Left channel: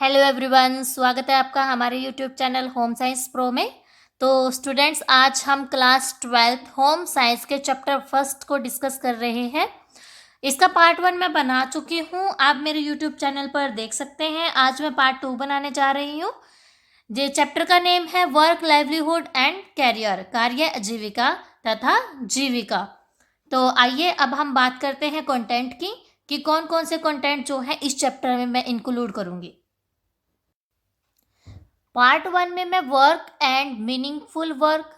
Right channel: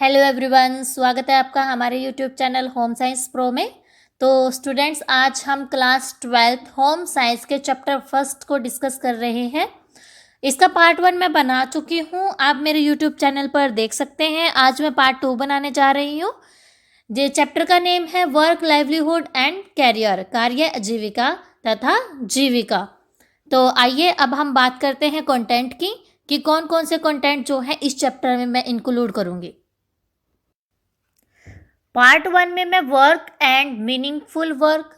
Hello everyone, स्वागत है आपका हमारे YouTube channel home science pro में। तो स्टूडेंट्स, आज हम क्लास 12 होम साइंस के चैप्टर फर्स्ट को डिस्कस कर रहे हैं। इसका पार्ट 1 मैं बना चुकी हूँ, आप मेरे यूट्यूब चैनल पर देख सकते हैं। आज मैं पार्ट 2 बनाने जा रही हूँ। ये चैप्टर का नेम है वर्क, लाइवलीहुड एंड कैरियर, कार्य, आजीविका तथा जीविका। तो आइए अब हम बात करते हैं कंटेंट की कि कौन कौन से कंटेंट जो है इस चैप्टर में मैं इंक्लूड करूँगी। पार्ट 1 में मैं work and meaningful work,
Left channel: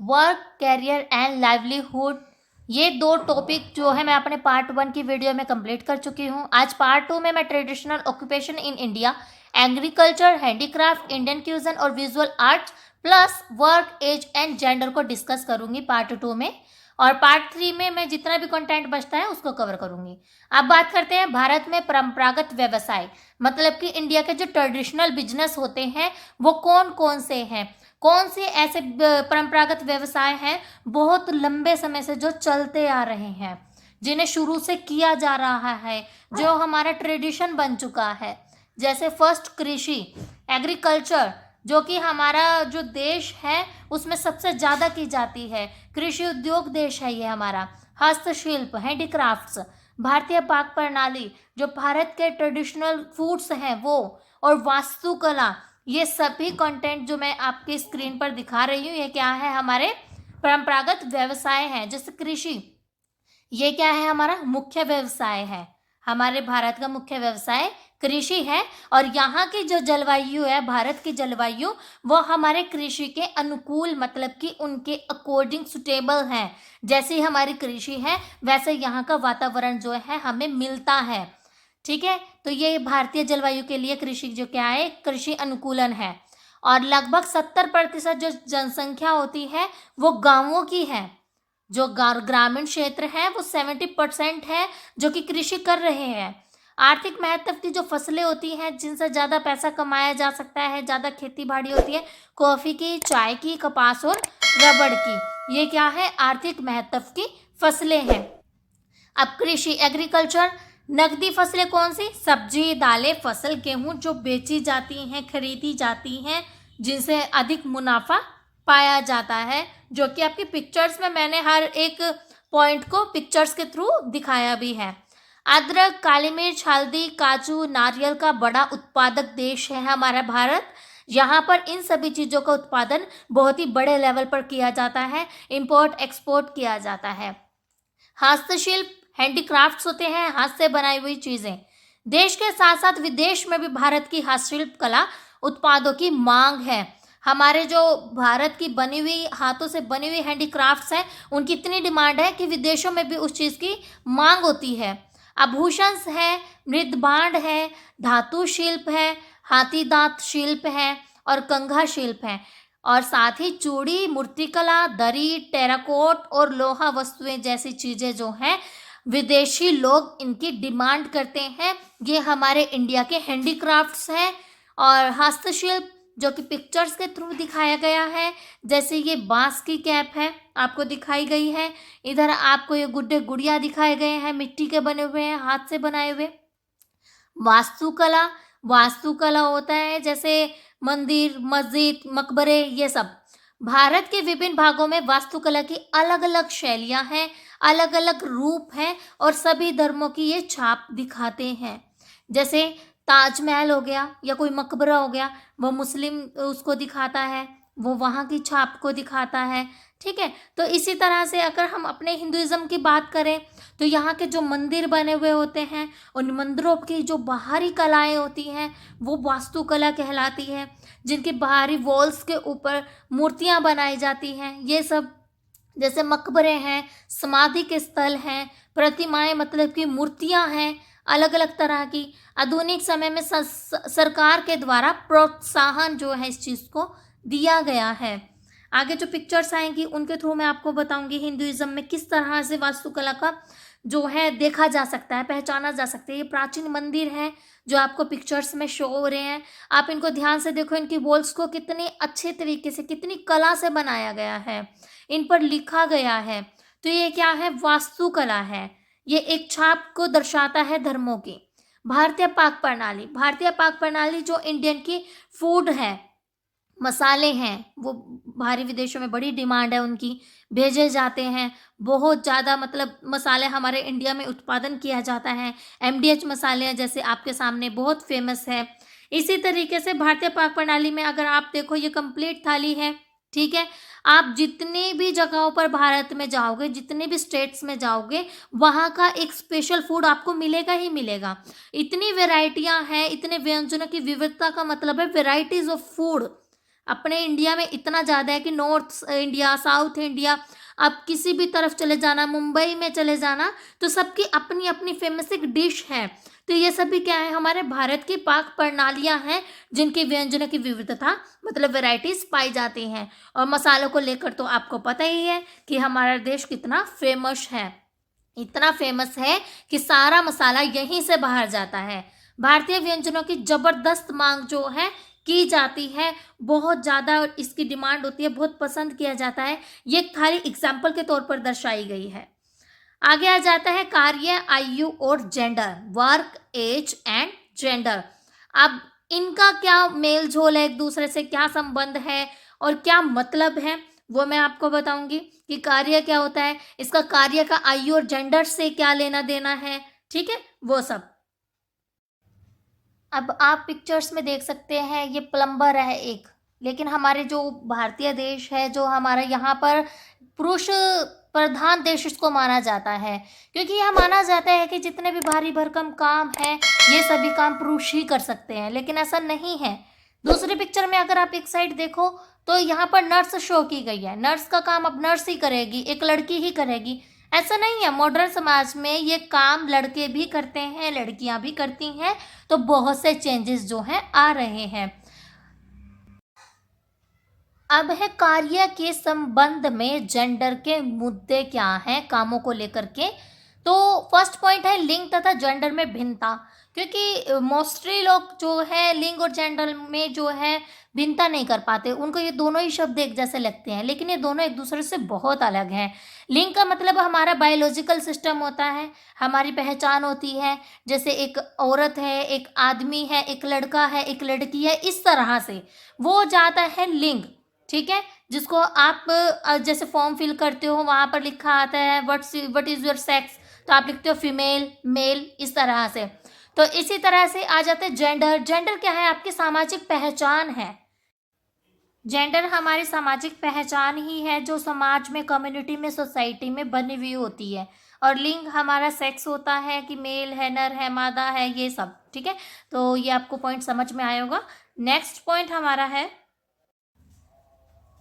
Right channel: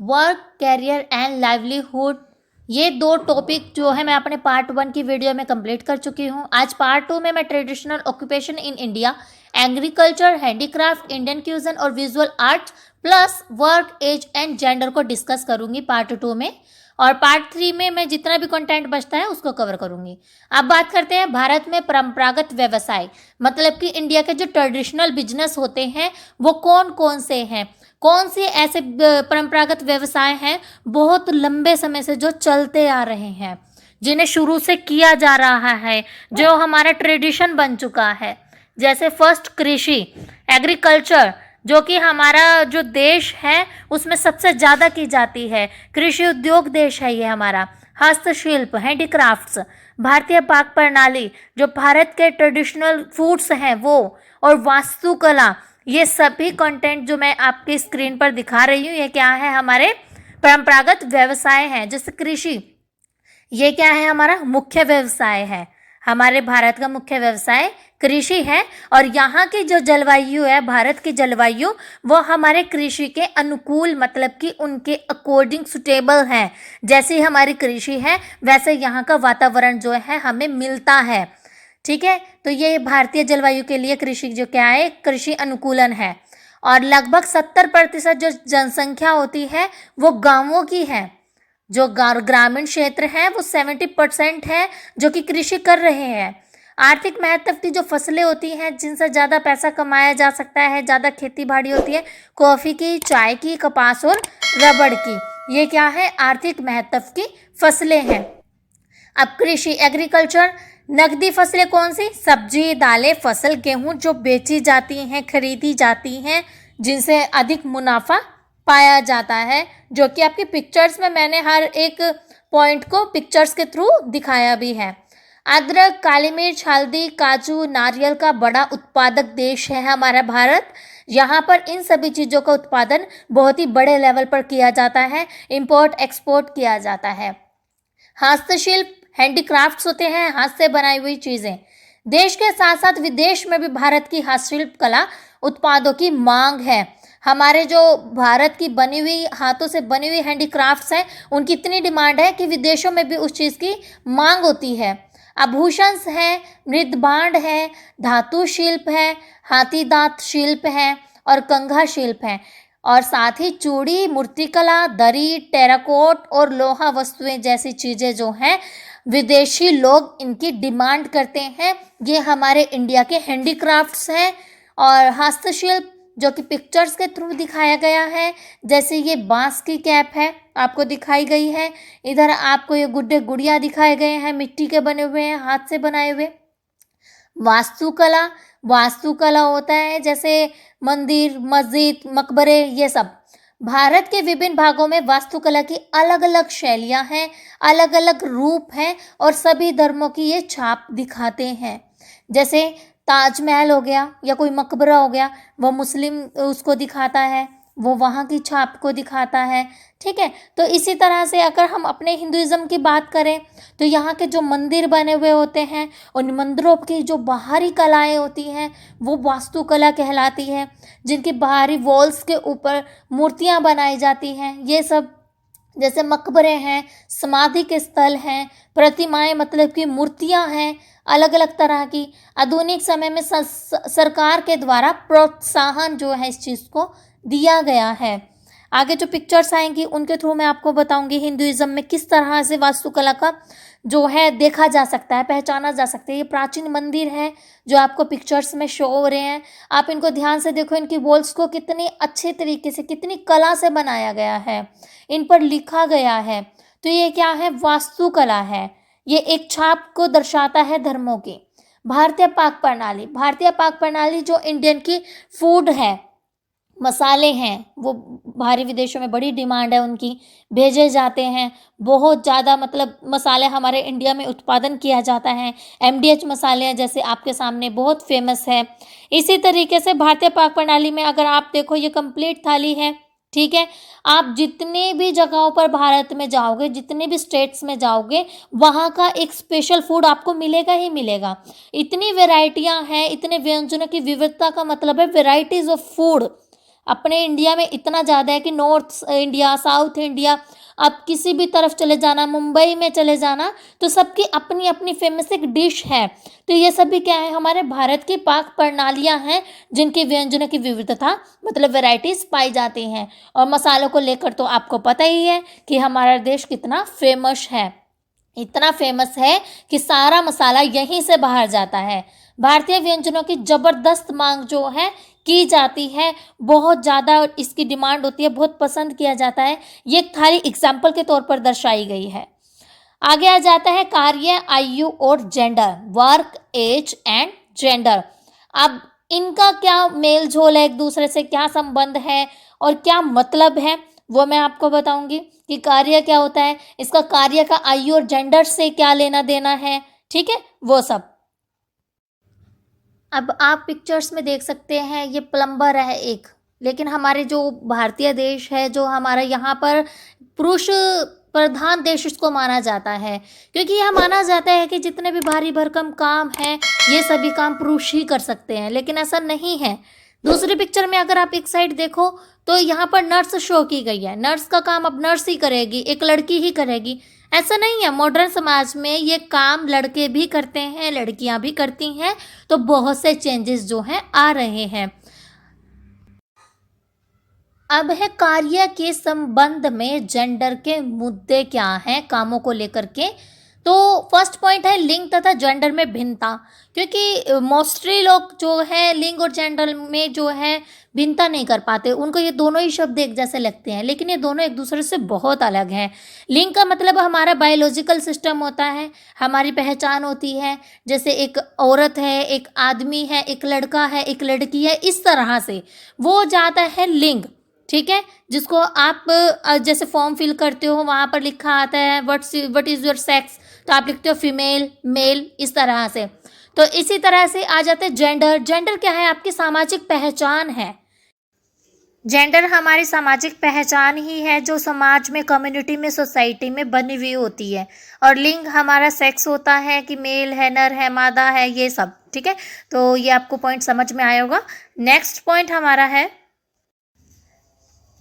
work, career and livelihood, ये दो टॉपिक जो है मैं अपने पार्ट 1 की वीडियो में कंप्लीट कर चुकी हूँ। आज पार्ट 2 में मैं traditional occupation in India, agriculture, handicraft, Indian cuisine और visual art plus work, age and gender को डिस्कस करूँगी पार्ट 2 में। और पार्ट 3 में मैं जितना भी कंटेंट बचता है उसको कवर करूँगी। अब बात करते हैं भारत में परंपरागत व्यवसाय, मतलब कि इंडिया के जो ट्रेडिशनल बिजनेस होते हैं वो कौन कौन से हैं, कौन से ऐसे परंपरागत व्यवसाय हैं बहुत लंबे समय से जो चलते आ रहे हैं, जिन्हें शुरू से किया जा रहा है, जो हमारा ट्रेडिशन बन चुका है। जैसे फर्स्ट कृषि, एग्रीकल्चर, जो कि हमारा जो देश है उसमें सबसे ज़्यादा की जाती है। कृषि उद्योग देश है ये हमारा। हस्तशिल्प, हैंडीक्राफ्ट्स, भारतीय पाक प्रणाली, जो भारत के ट्रेडिशनल फूड्स हैं वो, और वास्तुकला, ये सभी कंटेंट जो मैं आपकी स्क्रीन पर दिखा रही हूँ ये क्या है, हमारे परंपरागत व्यवसाय हैं। जैसे कृषि, ये क्या है, हमारा मुख्य व्यवसाय है। हमारे भारत का मुख्य व्यवसाय कृषि है। और यहाँ की जो जलवायु है, भारत की जलवायु, वो हमारे कृषि के अनुकूल, मतलब कि उनके अकॉर्डिंग सुटेबल है। जैसे हमारी कृषि है वैसे यहाँ का वातावरण जो है हमें मिलता है। ठीक है, तो ये भारतीय जलवायु के लिए कृषि जो क्या है, कृषि अनुकूलन है। और लगभग 70% जो जनसंख्या होती है वो गाँवों की है। जो ग्रामीण क्षेत्र है वो 70% है जो कि कृषि कर रहे हैं। आर्थिक महत्व की जो फसलें होती हैं जिनसे ज़्यादा पैसा कमाया जा सकता है, ज़्यादा खेती बाड़ी होती है, कॉफ़ी की, चाय की, कपास और रबड़ की, ये क्या है, आर्थिक महत्व की फसलें हैं। अब कृषि, एग्रीकल्चर, नकदी फसलें कौन सी, सब्जी, दालें, फसल, गेहूं, जो बेची जाती हैं, खरीदी जाती हैं, जिनसे अधिक मुनाफा पाया जाता है, जो कि आपकी पिक्चर्स में मैंने हर एक पॉइंट को पिक्चर्स के थ्रू दिखाया भी है। अदरक, काली मिर्च, हल्दी, काजू, नारियल का बड़ा उत्पादक देश है हमारा भारत। यहाँ पर इन सभी चीज़ों का उत्पादन बहुत ही बड़े लेवल पर किया जाता है, इंपोर्ट एक्सपोर्ट किया जाता है। हस्तशिल्प, हैंडीक्राफ्ट्स होते हैं, हाथ से बनाई हुई चीज़ें। देश के साथ साथ विदेश में भी भारत की हस्तशिल्प कला उत्पादों की मांग है। हमारे जो भारत की बनी हुई, हाथों से बनी हुई हैंडीक्राफ्ट्स हैं उनकी इतनी डिमांड है कि विदेशों में भी उस चीज़ की मांग होती है। आभूषण है, मृदभांड है, धातु शिल्प है, हाथी दांत शिल्प है और कंघा शिल्प है। और साथ ही चूड़ी, मूर्तिकला, दरी, टेराकोट और लोहा वस्तुएं जैसी चीज़ें जो हैं विदेशी लोग इनकी डिमांड करते हैं। ये हमारे इंडिया के हैंडीक्राफ्ट्स हैं। और हस्तशिल्प जो कि पिक्चर्स के थ्रू दिखाया गया है, जैसे ये बांस की कैप है आपको दिखाई गई है, इधर आपको ये गुड्डे गुड़िया दिखाए गए हैं, मिट्टी के बने हुए हैं, हाथ से बनाए हुए। वास्तुकला, वास्तुकला होता है जैसे मंदिर, मस्जिद, मकबरे, ये सब। भारत के विभिन्न भागों में वास्तुकला की अलग अलग शैलियाँ हैं, अलग अलग रूप हैं और सभी धर्मों की ये छाप दिखाते हैं। जैसे ताजमहल हो गया या कोई मकबरा हो गया, वो मुस्लिम उसको दिखाता है, वो वहाँ की छाप को दिखाता है। ठीक है, तो इसी तरह से अगर हम अपने हिंदुइज्म की बात करें तो यहाँ के जो मंदिर बने हुए होते हैं, उन मंदिरों की जो बाहरी कलाएं होती हैं वो वास्तुकला कहलाती हैं। जिनकी बाहरी वॉल्स के ऊपर मूर्तियाँ बनाई जाती हैं, ये सब। जैसे मकबरे हैं, समाधि के स्थल हैं, प्रतिमाएं, मतलब कि मूर्तियाँ हैं अलग अलग तरह की। आधुनिक समय में सरकार के द्वारा प्रोत्साहन जो है इस चीज़ को दिया गया है। आगे जो पिक्चर्स आएंगी उनके थ्रू मैं आपको बताऊंगी हिंदुइज्म में किस तरह से वास्तुकला का जो है देखा जा सकता है, पहचाना जा सकता है। ये प्राचीन मंदिर है जो आपको पिक्चर्स में शो हो रहे हैं, आप इनको ध्यान से देखो, इनकी वॉल्स को कितनी अच्छे तरीके से, कितनी कला से बनाया गया है, इन पर लिखा गया है। तो ये क्या है, वास्तुकला है। ये एक छाप को दर्शाता है धर्मों की। भारतीय पाक प्रणाली, भारतीय पाक प्रणाली जो इंडियन की फूड है, मसाले हैं, वो बाहरी विदेशों में बड़ी डिमांड है उनकी, भेजे जाते हैं बहुत ज़्यादा, मतलब मसाले हमारे इंडिया में उत्पादन किया जाता है। एमडीएच मसाले हैं जैसे आपके सामने बहुत फेमस है। इसी तरीके से भारतीय पाक प्रणाली में अगर आप देखो ये कंप्लीट थाली है, ठीक है। आप जितनी भी जगहों पर भारत में जाओगे, जितने भी स्टेट्स में जाओगे, वहाँ का एक स्पेशल फूड आपको मिलेगा ही मिलेगा। इतनी वैरायटियाँ हैं, इतने व्यंजनों की विविधता का मतलब है वेराइटीज़ ऑफ फूड अपने इंडिया में इतना ज़्यादा है कि नॉर्थ इंडिया, साउथ इंडिया, आप किसी भी तरफ चले जाना, मुंबई में चले जाना, तो सबकी अपनी अपनी फेमस एक डिश है। तो ये सभी क्या है, हमारे भारत की पाक प्रणालियाँ हैं जिनकी व्यंजनों की विविधता मतलब वैरायटीज़ पाई जाती हैं। और मसालों को लेकर तो आपको पता ही है कि हमारा देश कितना फेमस है, इतना फेमस है कि सारा मसाला यहीं से बाहर जाता है। भारतीय व्यंजनों की ज़बरदस्त मांग जो है की जाती है, बहुत ज़्यादा इसकी डिमांड होती है, बहुत पसंद किया जाता है। ये एक थाली एग्जाम्पल के तौर पर दर्शाई गई है। आगे आ जाता है कार्य, आयु और gender, work, age and gender. अब इनका क्या मेल जोल है, एक दूसरे से क्या संबंध है और क्या मतलब है, वो मैं आपको बताऊंगी कि कार्य क्या होता है, इसका कार्य का आयु और जेंडर से क्या लेना देना है, ठीक है, वो सब। अब आप पिक्चर्स में देख सकते हैं ये प्लम्बर है एक, लेकिन हमारे जो भारतीय देश है, जो हमारा यहाँ पर पुरुष प्रधान देश इसको माना जाता है, क्योंकि यह माना जाता है कि जितने भी भारी भरकम काम हैं ये सभी काम पुरुष ही कर सकते हैं, लेकिन ऐसा नहीं है। दूसरी पिक्चर में अगर आप एक साइड देखो तो यहाँ पर नर्स शो की गई है, नर्स का काम अब नर्स ही करेगी, एक लड़की ही करेगी। ऐसा नहीं है, मॉडर्न समाज में ये काम लड़के भी करते हैं, लड़कियां भी करती हैं, तो बहुत से चेंजेस जो हैं आ रहे हैं। अब है कार्य के संबंध में जेंडर के मुद्दे क्या हैं कामों को लेकर के। तो फर्स्ट पॉइंट है लिंग तथा जेंडर में भिन्नता, क्योंकि मोस्टली लोग जो है लिंग और जेंडर में जो है भिन्नता नहीं कर पाते, उनको ये दोनों ही शब्द एक जैसे लगते हैं, लेकिन ये दोनों एक दूसरे से बहुत अलग हैं। लिंग का मतलब हमारा बायोलॉजिकल सिस्टम होता है, हमारी पहचान होती है, जैसे एक औरत है, एक आदमी है, एक लड़का है, एक लड़की है, इस तरह से वो जाता है लिंग, ठीक है। जिसको आप जैसे फॉर्म फिल करते हो वहाँ पर लिखा आता है व्हाट इज़ योर सेक्स, तो आप लिखते हो फीमेल, मेल, इस तरह से। तो इसी तरह से आ जाते हैं जेंडर। जेंडर क्या है, आपकी सामाजिक पहचान है। जेंडर हमारी सामाजिक पहचान ही है जो समाज में, कम्युनिटी में, सोसाइटी में बनी हुई होती है। और लिंग हमारा सेक्स होता है कि मेल है, नर है, मादा है, ये सब, ठीक है। तो ये आपको पॉइंट समझ में आया होगा। नेक्स्ट पॉइंट हमारा है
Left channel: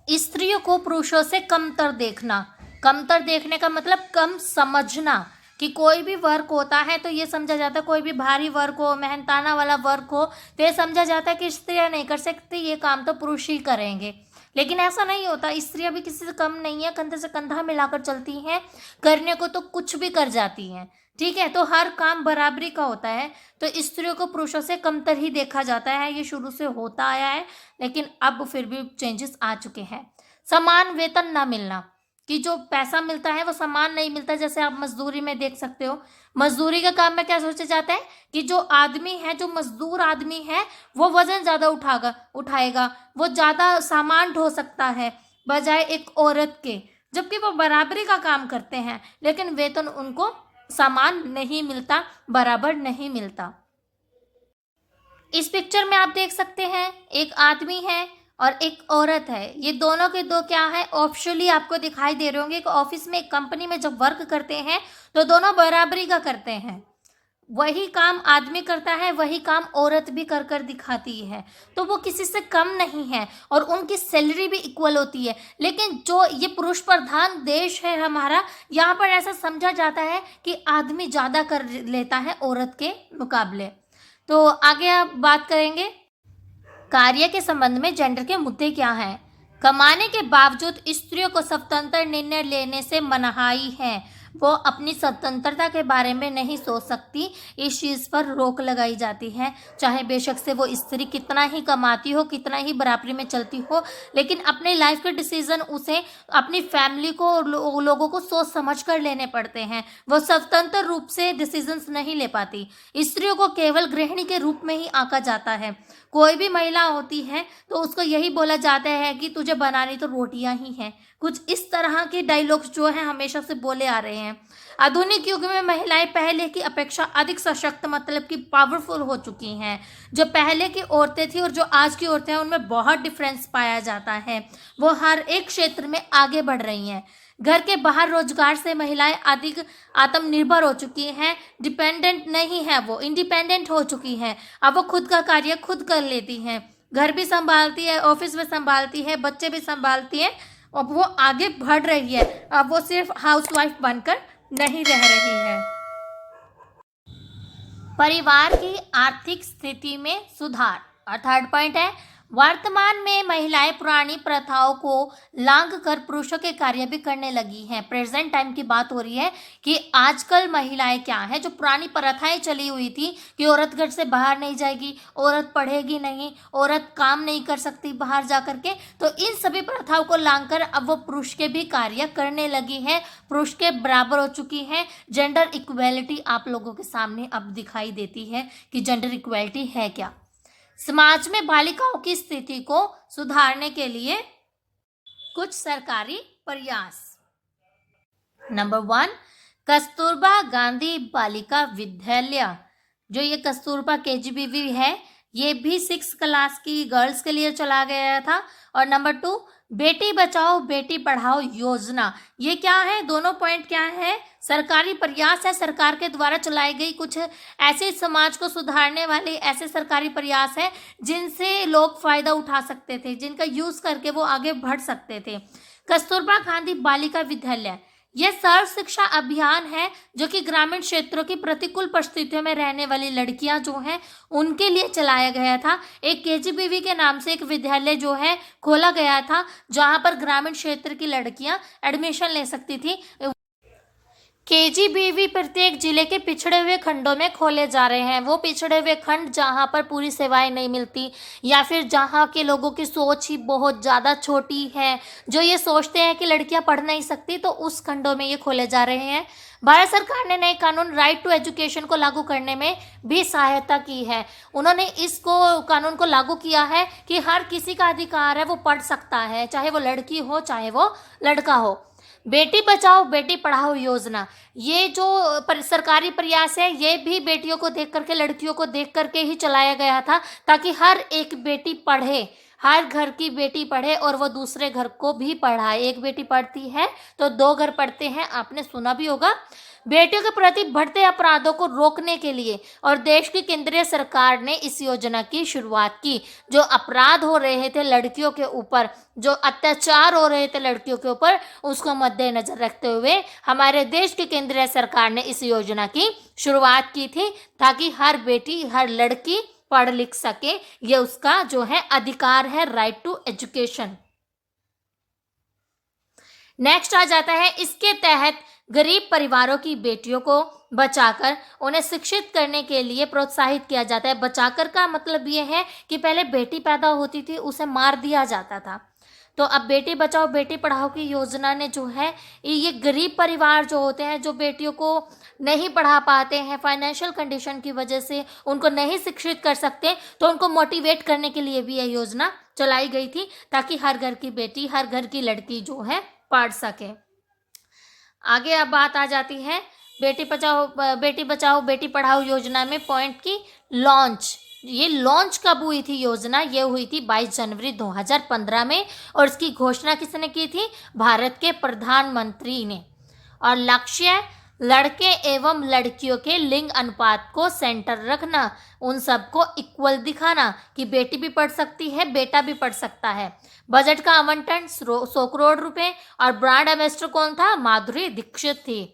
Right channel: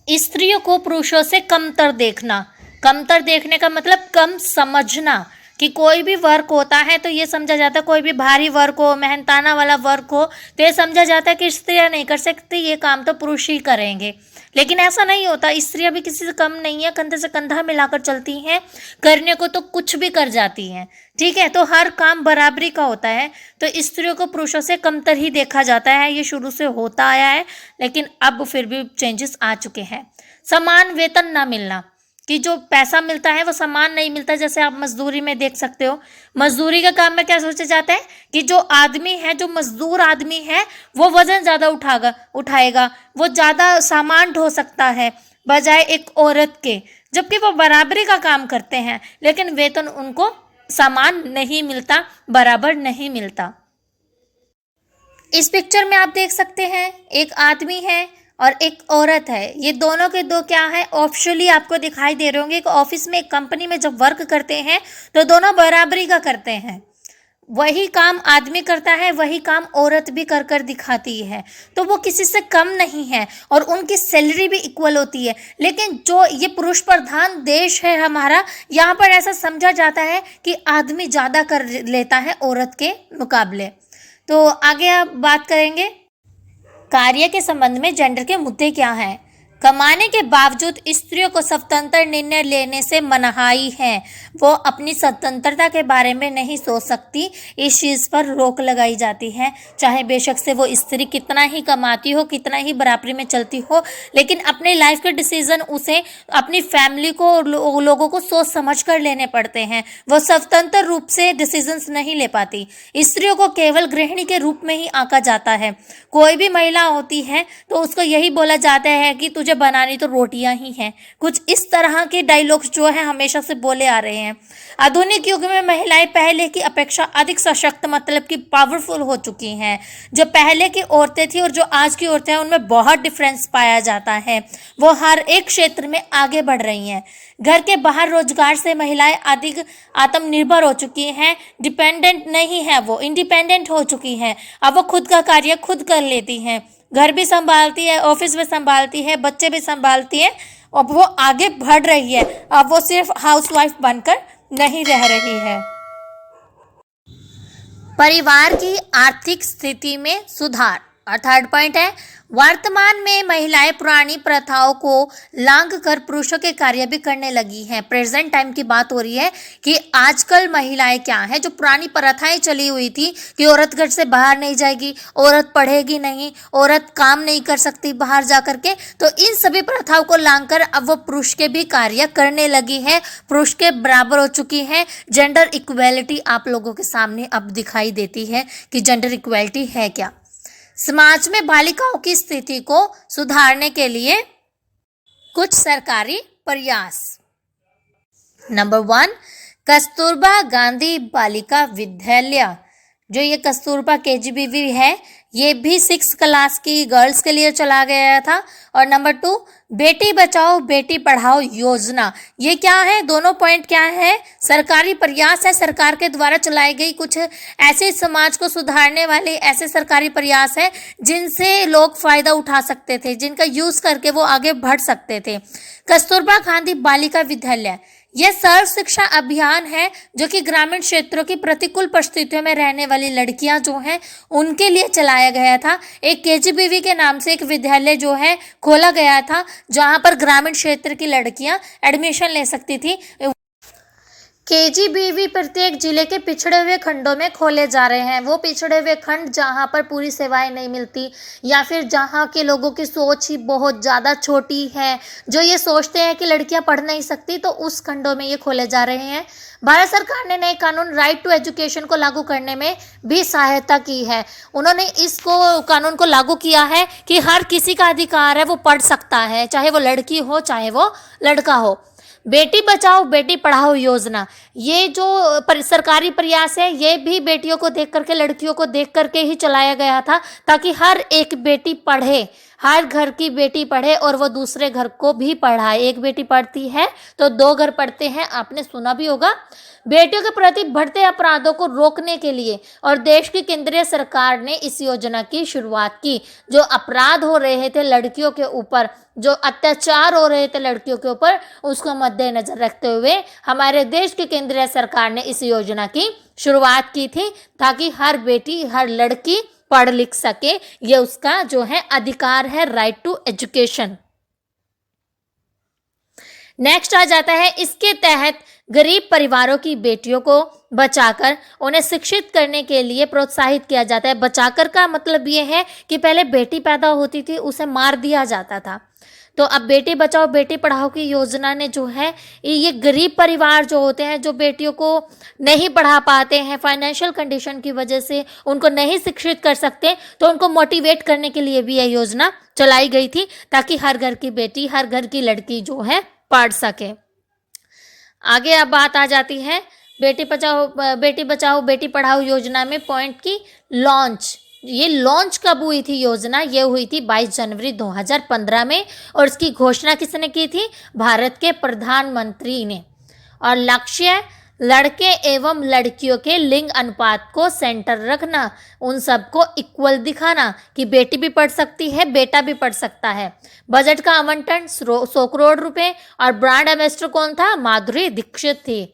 स्त्रियों को पुरुषों से कमतर देखना। कमतर देखने का मतलब कम समझना, कि कोई भी वर्क होता है तो ये समझा जाता है, कोई भी भारी वर्क हो, मेहनताना वाला वर्क हो, तो ये समझा जाता है कि स्त्रियां नहीं कर सकती, ये काम तो पुरुष ही करेंगे। लेकिन ऐसा नहीं होता, स्त्रियां भी किसी से कम नहीं है, कंधे से कंधा मिलाकर चलती हैं, करने को तो कुछ भी कर जाती हैं, ठीक है। तो हर काम बराबरी का होता है, तो स्त्रियों को पुरुषों से कमतर ही देखा जाता है, ये शुरू से होता आया है, लेकिन अब फिर भी चेंजेस आ चुके हैं। समान वेतन ना मिलना, कि जो पैसा मिलता है वो समान नहीं मिलता। जैसे आप मजदूरी में देख सकते हो, मजदूरी का काम में क्या सोचा जाता है कि जो आदमी है, जो मजदूर आदमी है, वो वजन ज़्यादा उठाएगा, वो ज़्यादा सामान ढो सकता है बजाय एक औरत के, जबकि वो बराबरी का काम करते हैं, लेकिन वेतन उनको समान नहीं मिलता, बराबर नहीं मिलता। इस पिक्चर में आप देख सकते हैं एक आदमी है और एक औरत है, ये दोनों के दो क्या है, ऑप्शनली आपको दिखाई दे रहे होंगे। एक ऑफिस में, एक कंपनी में जब वर्क करते हैं तो दोनों बराबरी का करते हैं, वही काम आदमी करता है, वही काम औरत भी कर कर दिखाती है, तो वो किसी से कम नहीं है और उनकी सैलरी भी इक्वल होती है। लेकिन जो ये पुरुष प्रधान देश है हमारा, यहाँ पर ऐसा समझा जाता है कि आदमी ज़्यादा कर लेता है औरत के मुकाबले। तो आगे आप बात करेंगे कार्य के संबंध में जेंडर के मुद्दे क्या हैं। कमाने के बावजूद स्त्रियों को स्वतंत्र निर्णय लेने से मनाही है। वो अपनी स्वतंत्रता के बारे में नहीं सोच सकती, इस चीज़ पर रोक लगाई जाती है। चाहे बेशक से वो स्त्री कितना ही कमाती हो, कितना ही बराबरी में चलती हो, लेकिन अपने लाइफ के डिसीजन उसे अपनी फैमिली को और लोगों को सोच समझ कर लेने पड़ते हैं। वो स्वतंत्र रूप से डिसीजंस नहीं ले पाती। स्त्रियों को केवल गृहिणी के रूप में ही आंका जाता है। कोई भी महिला होती है तो उसको यही बोला जाता है कि तुझे बनानी तो रोटियां ही हैं। कुछ इस तरह के डायलॉग्स जो है हमेशा से बोले आ रहे हैं। आधुनिक युग में महिलाएं पहले की अपेक्षा अधिक सशक्त, मतलब कि पावरफुल हो चुकी हैं। जो पहले की औरतें थी और जो आज की औरतें हैं उनमें बहुत डिफरेंस पाया जाता है। वो हर एक क्षेत्र में आगे बढ़ रही हैं। घर के बाहर रोजगार से महिलाएं अधिक आत्मनिर्भर हो चुकी हैं। डिपेंडेंट नहीं है, वो इंडिपेंडेंट हो चुकी हैं। अब वो खुद का कार्य खुद कर लेती हैं, घर भी संभालती है, ऑफिस भी संभालती है, बच्चे भी संभालती है। अब वो आगे बढ़ रही है। अब वो सिर्फ हाउसवाइफ बनकर नहीं रह रही है। परिवार की आर्थिक स्थिति में सुधार। और थर्ड पॉइंट है, वर्तमान में महिलाएं पुरानी प्रथाओं को लांघ कर पुरुषों के कार्य भी करने लगी हैं। प्रेजेंट टाइम की बात हो रही है कि आजकल महिलाएं क्या हैं, जो पुरानी प्रथाएं चली हुई थी कि औरत घर से बाहर नहीं जाएगी, औरत पढ़ेगी नहीं, औरत काम नहीं कर सकती बाहर जा कर के, तो इन सभी प्रथाओं को लांघ कर अब वो पुरुष के भी कार्य करने लगी है, पुरुष के बराबर हो चुकी हैं। जेंडर इक्वेलिटी आप लोगों के सामने अब दिखाई देती है कि जेंडर इक्वेलिटी है क्या। समाज में बालिकाओं की स्थिति को सुधारने के लिए कुछ सरकारी प्रयास। नंबर 1, कस्तूरबा गांधी बालिका विद्यालय। जो ये कस्तूरबा KGBV है, ये भी 6 क्लास की गर्ल्स के लिए चला गया था। और नंबर 2, बेटी बचाओ बेटी पढ़ाओ योजना। ये क्या है, दोनों पॉइंट क्या है, सरकारी प्रयास है, सरकार के द्वारा चलाई गई कुछ ऐसे समाज को सुधारने वाले ऐसे सरकारी प्रयास है जिनसे लोग फायदा उठा सकते थे, जिनका यूज करके वो आगे बढ़ सकते थे। कस्तूरबा गांधी बालिका विद्यालय यह सर्व शिक्षा अभियान है जो कि ग्रामीण क्षेत्रों की प्रतिकूल परिस्थितियों में रहने वाली लड़कियां जो हैं उनके लिए चलाया गया था। एक KGBV के नाम से एक विद्यालय जो है खोला गया था, जहां पर ग्रामीण क्षेत्र की लड़कियां एडमिशन ले सकती थी। KGBV प्रत्येक जिले के पिछड़े हुए खंडों में खोले जा रहे हैं। वो पिछड़े हुए खंड जहाँ पर पूरी सेवाएं नहीं मिलती, या फिर जहाँ के लोगों की सोच ही बहुत ज़्यादा छोटी है, जो ये सोचते हैं कि लड़कियाँ पढ़ नहीं सकती, तो उस खंडों में ये खोले जा रहे हैं। भारत सरकार ने नए कानून राइट टू एजुकेशन को लागू करने में भी सहायता की है। उन्होंने इसको कानून को लागू किया है कि हर किसी का अधिकार है, वो पढ़ सकता है, चाहे वो लड़की हो चाहे वो लड़का हो। बेटी बचाओ बेटी पढ़ाओ योजना, ये जो सरकारी प्रयास है, ये भी बेटियों को देख करके, लड़कियों को देख करके ही चलाया गया था, ताकि हर एक बेटी पढ़े, हर घर की बेटी पढ़े और वो दूसरे घर को भी पढ़ाए। एक बेटी पढ़ती है तो 2 घर पढ़ते हैं, आपने सुना भी होगा। बेटियों के प्रति बढ़ते अपराधों को रोकने के लिए और देश की केंद्रीय सरकार ने इस योजना की शुरुआत की। जो अपराध हो रहे थे लड़कियों के ऊपर, जो अत्याचार हो रहे थे लड़कियों के ऊपर, उसको मद्देनजर रखते हुए हमारे देश की केंद्रीय सरकार ने इस योजना की शुरुआत की थी, ताकि हर बेटी हर लड़की पढ़ लिख सके। ये उसका जो है अधिकार है, राइट टू एजुकेशन। नेक्स्ट आ जाता है, इसके तहत गरीब परिवारों की बेटियों को बचाकर उन्हें शिक्षित करने के लिए प्रोत्साहित किया जाता है। बचाकर का मतलब ये है कि पहले बेटी पैदा होती थी उसे मार दिया जाता था, तो अब बेटी बचाओ बेटी पढ़ाओ की योजना ने जो है, ये गरीब परिवार जो होते हैं, जो बेटियों को नहीं पढ़ा पाते हैं, फाइनेंशियल कंडीशन की वजह से उनको नहीं शिक्षित कर सकते, तो उनको मोटिवेट करने के लिए भी यह योजना चलाई गई थी, ताकि हर घर की बेटी हर घर की लड़की जो है पढ़ सके। आगे अब बात आ जाती है बेटी बचाओ बेटी पढ़ाओ योजना में पॉइंट की लॉन्च। ये लॉन्च कब हुई थी योजना? ये हुई थी 22 जनवरी 2015 में, और इसकी घोषणा किसने की थी? भारत के प्रधानमंत्री ने। और लक्ष्य लड़के एवं लड़कियों के लिंग अनुपात को सेंटर रखना, उन सबको इक्वल दिखाना कि बेटी भी पढ़ सकती है बेटा भी पढ़ सकता है। बजट का आवंटन 100 करोड़ रुपए, और ब्रांड एम्बेसडर कौन था? माधुरी दीक्षित थी।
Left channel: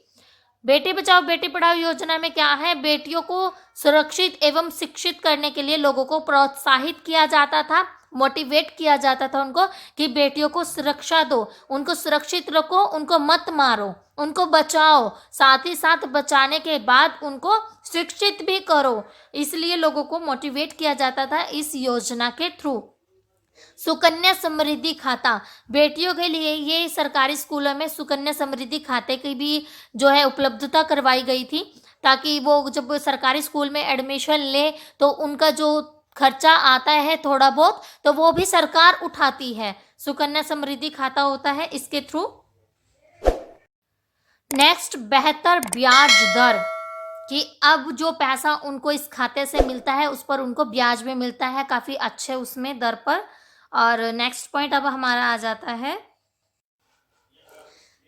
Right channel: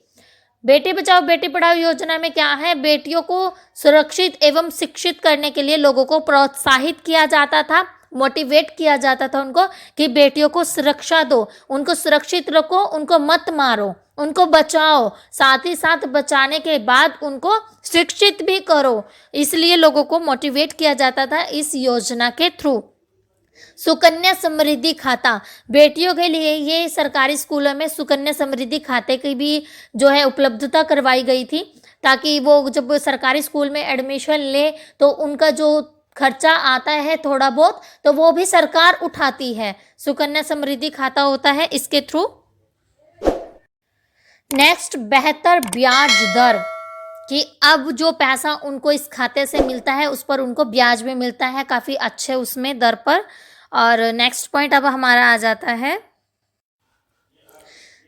बेटी बचाओ बेटी पढ़ाओ योजना में क्या है? बेटियों को सुरक्षित एवं शिक्षित करने के लिए लोगों को प्रोत्साहित किया जाता था, मोटिवेट किया जाता था उनको कि बेटियों को सुरक्षा दो, उनको सुरक्षित रखो, उनको मत मारो। उनको बचाओ, साथ ही साथ बचाने के बाद उनको शिक्षित भी करो। इसलिए लोगों को मोटिवेट किया जाता था इस योजना के थ्रू। सुकन्या समृद्धि खाता, बेटियों के लिए ये सरकारी स्कूलों में सुकन्या समृद्धि खाते की भी जो है उपलब्धता करवाई गई थी, ताकि वो जब सरकारी स्कूल में एडमिशन ले तो उनका जो खर्चा आता है थोड़ा बहुत, तो वो भी सरकार उठाती है। सुकन्या समृद्धि खाता होता है इसके थ्रू। नेक्स्ट, बेहतर ब्याज दर, कि अब जो पैसा उनको इस खाते से मिलता है उस पर उनको ब्याज भी मिलता है काफ़ी अच्छे उसमें दर पर। और नेक्स्ट पॉइंट अब हमारा आ जाता है,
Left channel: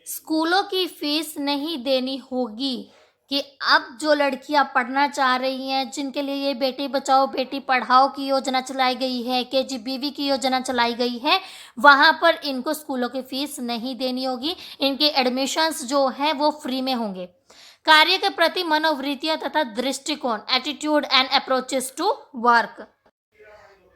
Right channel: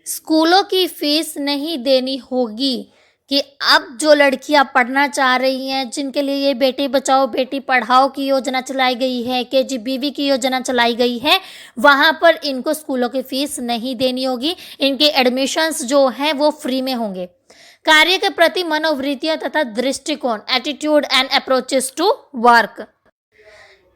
स्कूलों की फीस नहीं देनी होगी, कि अब जो लड़कियां पढ़ना चाह रही हैं, जिनके लिए ये बेटी बचाओ बेटी पढ़ाओ की योजना चलाई गई है, KGBV की योजना चलाई गई है, वहाँ पर इनको स्कूलों की फीस नहीं देनी होगी। इनके एडमिशन्स जो हैं वो फ्री में होंगे। कार्य के प्रति मनोवृत्तियाँ तथा दृष्टिकोण, attitude and approaches to work,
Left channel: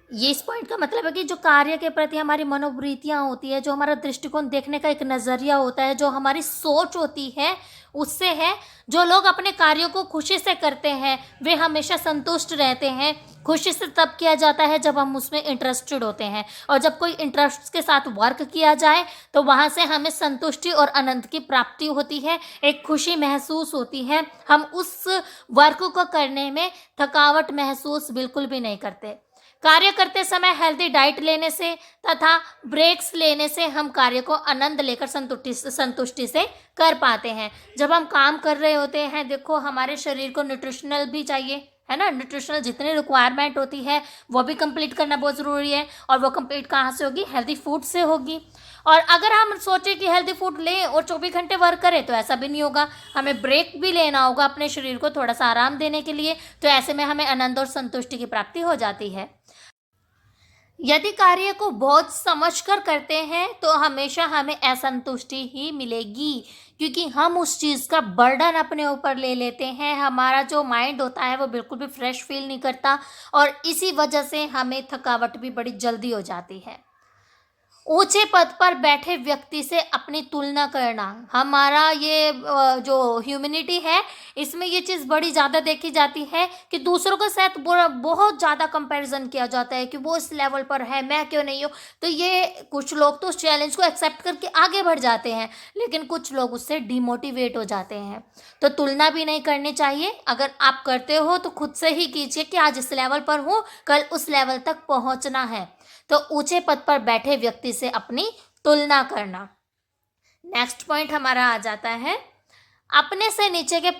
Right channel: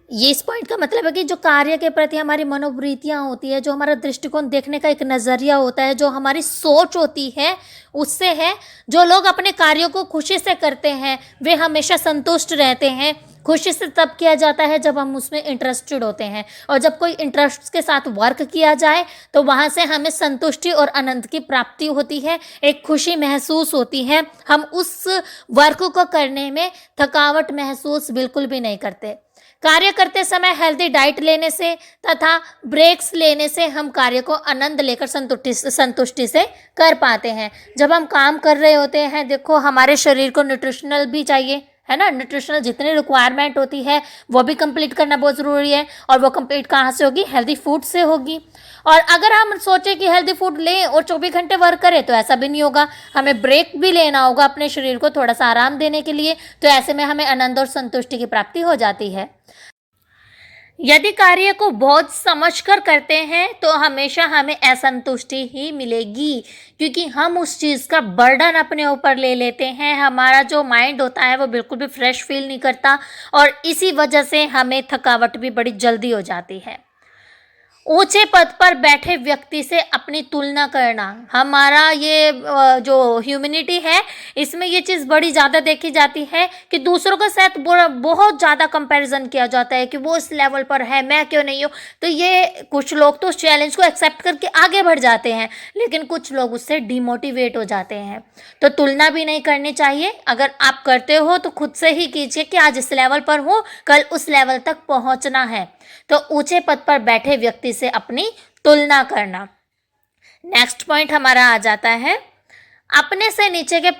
ये इस पॉइंट का मतलब है कि जो कार्य के प्रति हमारी मनोवृत्तियाँ होती है, जो हमारा दृष्टिकोण देखने का एक नज़रिया होता है, जो हमारी सोच होती है, उससे है जो लोग अपने कार्यों को खुशी से करते हैं वे हमेशा संतुष्ट रहते हैं। खुशी से तब किया जाता है जब हम उसमें इंटरेस्टेड होते हैं, और जब कोई इंटरेस्ट के साथ वर्क किया जाए तो वहाँ से हमें संतुष्टि और आनंद की प्राप्ति होती है, एक खुशी महसूस होती है। हम उस वर्क को करने में थकावट महसूस बिल्कुल भी नहीं करते। कार्य करते समय हेल्दी डाइट लेने से तथा ब्रेक्स लेने से हम कार्य को आनंद लेकर संतुष्टि से कर पाते हैं। जब हम काम कर रहे होते हैं, देखो हमारे शरीर को न्यूट्रिशनल भी चाहिए, है ना, न्यूट्रिशनल जितनी रिक्वायरमेंट होती है वो भी कंप्लीट करना बहुत ज़रूरी है। और वो कंप्लीट कहाँ से होगी? हेल्दी फूड से होगी। और अगर हम सोचें कि हेल्दी फूड लें और 24 घंटे वर्क करें तो ऐसा भी नहीं होगा, हमें ब्रेक भी लेना होगा अपने शरीर को थोड़ा सा आराम देने के लिए। तो ऐसे में हमें आनंद और संतुष्टि की प्राप्ति हो जाती है। यदि कार्य को बहुत समझकर करते हैं तो हमेशा हमें असंतुष्टि ही मिलेगी, क्योंकि हम उस चीज़ का बर्डन अपने ऊपर ले लेते हैं। हमारा जो माइंड होता है वो बिल्कुल भी फ्रेश फील नहीं करता, और इसी वजह से हमें थकावट भी बड़ी जल्दी हो जाती है। ऊंचे पद पर बैठे व्यक्ति से अपनी तुलना करना, हमारा ये जो ह्यूमैनिटी है इसमें ये चीज़ बड़ी ज़्यादा देखी जाती है कि दूसरों के साथ बहुत ज़्यादा कंपैरिजन किया जाता है कि वो इस लेवल पर है, मैं क्यों नहीं हूँ। तो ये कुछ लोग तो उस चैलेंज को एक्सेप्ट करके आगे बढ़ जाते हैं, लेकिन कुछ लोग उससे डिमोटिवेट हो जाते हैं। तो तुलना भी नहीं करनी चाहिए। अगर आप करते हो तो खुद से ही कीजिए कि आज इस लेवल पर हूँ, कल उस लेवल तक पहुँचना है। तो ऊंचे पद पर बैठे व्यक्ति से अपनी तुलना करना। नेक्स्ट पॉइंट हमारा आ जाता है, अपने से नीचे के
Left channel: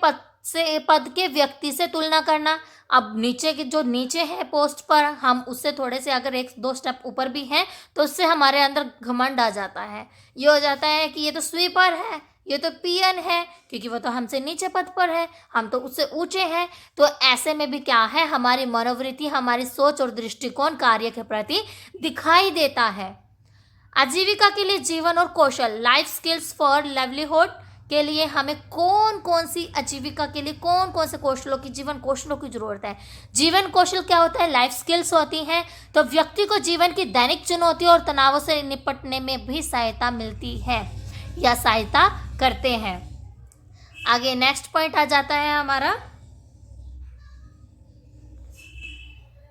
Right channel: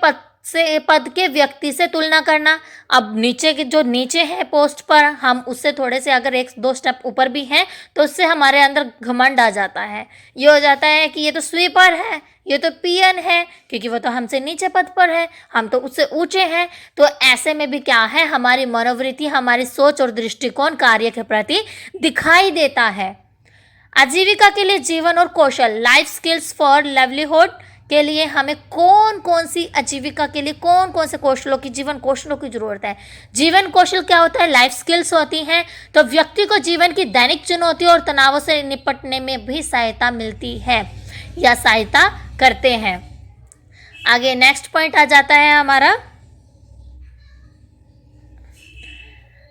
पद के व्यक्ति से तुलना करना। अब नीचे के जो नीचे है पोस्ट पर, हम उससे थोड़े से अगर 1-2 स्टेप ऊपर भी हैं तो उससे हमारे अंदर घमंड आ जाता है। ये हो जाता है कि ये तो स्वीपर है, ये तो पीएन है, क्योंकि वो तो हमसे नीचे पद पर है, हम तो उससे ऊंचे हैं। तो ऐसे में भी क्या है, हमारी मनोवृत्ति, हमारी सोच और दृष्टिकोण कार्य के प्रति दिखाई देता है। आजीविका के लिए जीवन और कौशल, लाइफ स्किल्स फॉर लाइवलीहुड के लिए हमें कौन कौन सी आजीविका के लिए कौन कौन से कौशलों की, जीवन कौशलों की ज़रूरत है। जीवन कौशल क्या होता है? लाइफ स्किल्स होती हैं। तो व्यक्ति को जीवन की दैनिक चुनौतियों और तनावों से निपटने में भी सहायता मिलती है या सहायता करते हैं। आगे नेक्स्ट पॉइंट आ जाता है हमारा,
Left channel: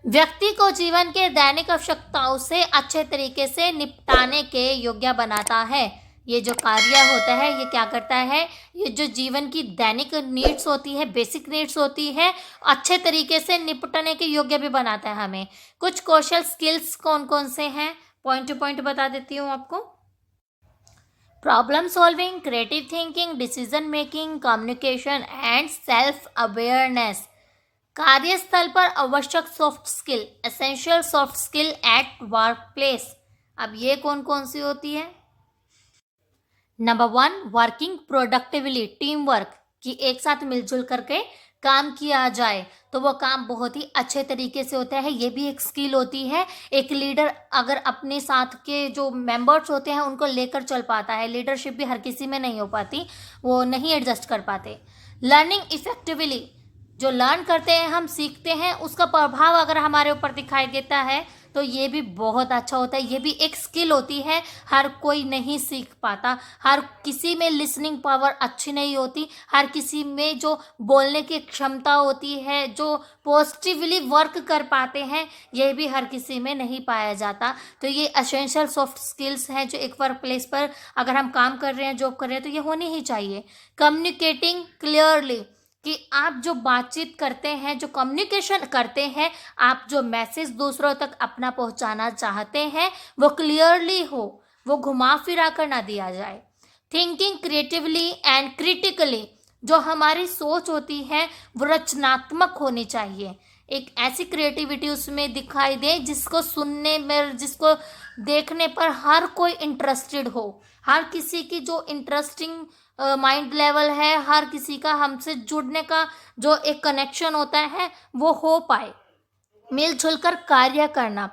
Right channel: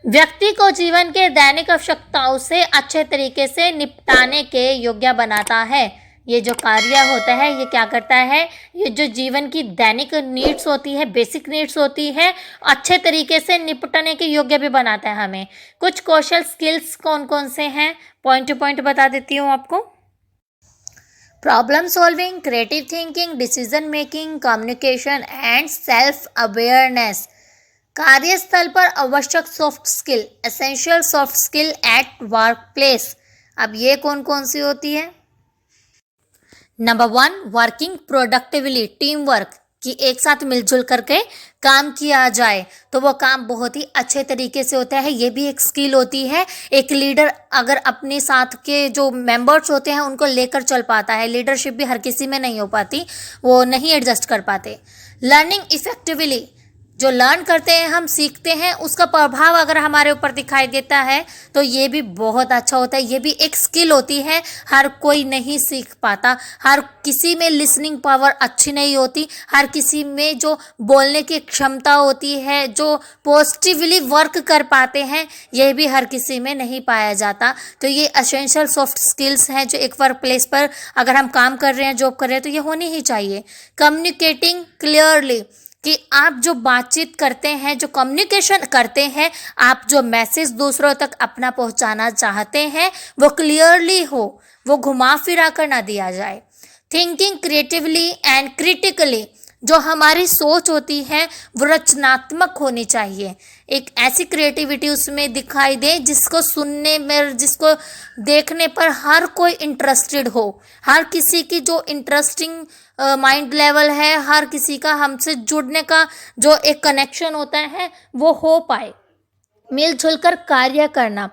व्यक्ति को जीवन के दैनिक आवश्यकताओं से अच्छे तरीके से निपटाने के योग्य बनाता है। ये जो कार्य होता है ये क्या करता है, ये जो जीवन की दैनिक नीड्स होती है, बेसिक नीड्स होती है, अच्छे तरीके से निपटने के योग्य भी बनाता है हमें। कुछ कौशल स्किल्स कौन कौन से हैं, पॉइंट टू पॉइंट बता देती हूँ आपको। Problem solving, creative thinking, decision making, communication and self awareness. कार्यस्थल पर आवश्यक soft skill, essential soft skill at work place. अब ये कौन कौन सी होती है? Number 1, working productively, team work, कि एक साथ मिलजुल करके काम किया जाए तो वो काम बहुत ही अच्छे तरीके से होता है। ये भी एक स्किल होती है। एक लीडर अगर अपने साथ के जो मेंबर्स होते हैं उनको लेकर चल पाता है, लीडरशिप भी हर किसी में नहीं हो पाती, वो नहीं एडजस्ट कर पाते। लर्निंग इफेक्टिवली, जो लर्न करते हैं, हम सीखते हैं, उसका प्रभाव अगर हमारे ऊपर दिखाई देता है तो ये भी बहुत अच्छा होता है। ये भी एक स्किल होती है, हर कोई नहीं सीख पाता। हर किसी में लिसनिंग पावर अच्छी नहीं होती, हर किसी में जो बोलने की क्षमता होती है, जो पॉजिटिवली वर्क कर पाते हैं, ये भी हर किसी में नहीं पाया जाता। तो ये एसेंशियल सॉफ्ट स्किल्स हैं जो एक वर्क प्लेस पर अगर हम काम कर रहे हैं, जॉब कर रहे हैं, तो ये होनी ही चाहिए। कम्युनिकेटिंग क्लियरली, कि आप जो बातचीत करते हैं, जो कम्युनिकेशन करते हैं, आप जो मैसेज दूसरों तक अपना पहुंचाना चाहते हैं वो क्लियरली हो, वो घुमा फिरा कर ना दिया जाए। थिंकिंग क्रिएटिवली एंड क्रिटिकली, जो हमारी सोच होती है वो रचनात्मक होनी चाहिए। एक ऐसी क्रिएटिविटी उसमें दिखाई दे जिसको सुनने में, जिसको देखने पर हर कोई इंटरेस्टेड हो। हर किसी की जो इंटरेस्टिंग माइंड लेवल है, हर किसी का हमसे जुड़ने का जो एक कनेक्शन होता है वो हो पाए। मिलजुल कर कार्य करना,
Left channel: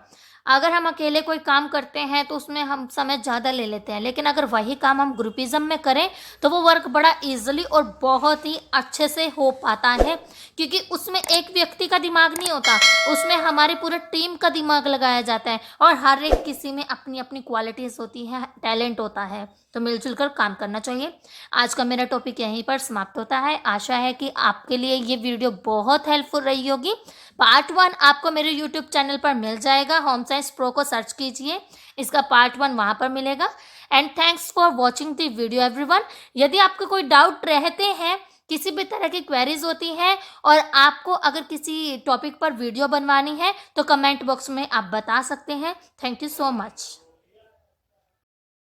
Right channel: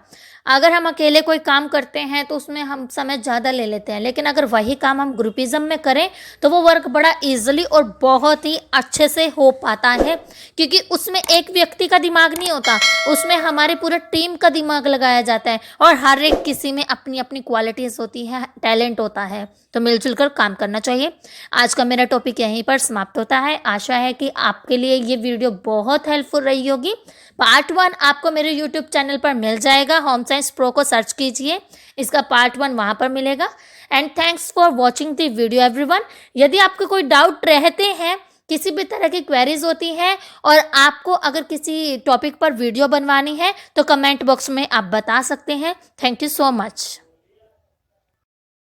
अगर हम अकेले कोई काम करते हैं तो उसमें हम समय ज़्यादा ले लेते हैं, लेकिन अगर वही काम हम ग्रुपिज़म में करें तो वो वर्क बड़ा इजीली और बहुत ही अच्छे से हो पाता है, क्योंकि उसमें एक व्यक्ति का दिमाग नहीं होता, उसमें हमारे पूरे टीम का दिमाग लगाया जाता है और हर एक किसी में अपनी अपनी क्वालिटीज़ होती है, टैलेंट होता है। तो मिलजुल कर काम करना चाहिए। आज का मेरा टॉपिक यहीं पर समाप्त होता है। आशा है कि आपके लिए ये वीडियो बहुत हेल्पफुल रही होगी। पार्ट 1 आपको मेरे यूट्यूब चैनल पर मिल जाएगा, होम साइंस प्रो को सर्च कीजिए, इसका पार्ट 1 वहाँ पर मिलेगा। And thanks for watching the video everyone. यदि आपको कोई डाउट रहते हैं, किसी भी तरह की क्वेरीज होती हैं और आपको अगर किसी टॉपिक पर वीडियो बनवानी है तो कमेंट बॉक्स में आप बता सकते हैं। Thank you so much.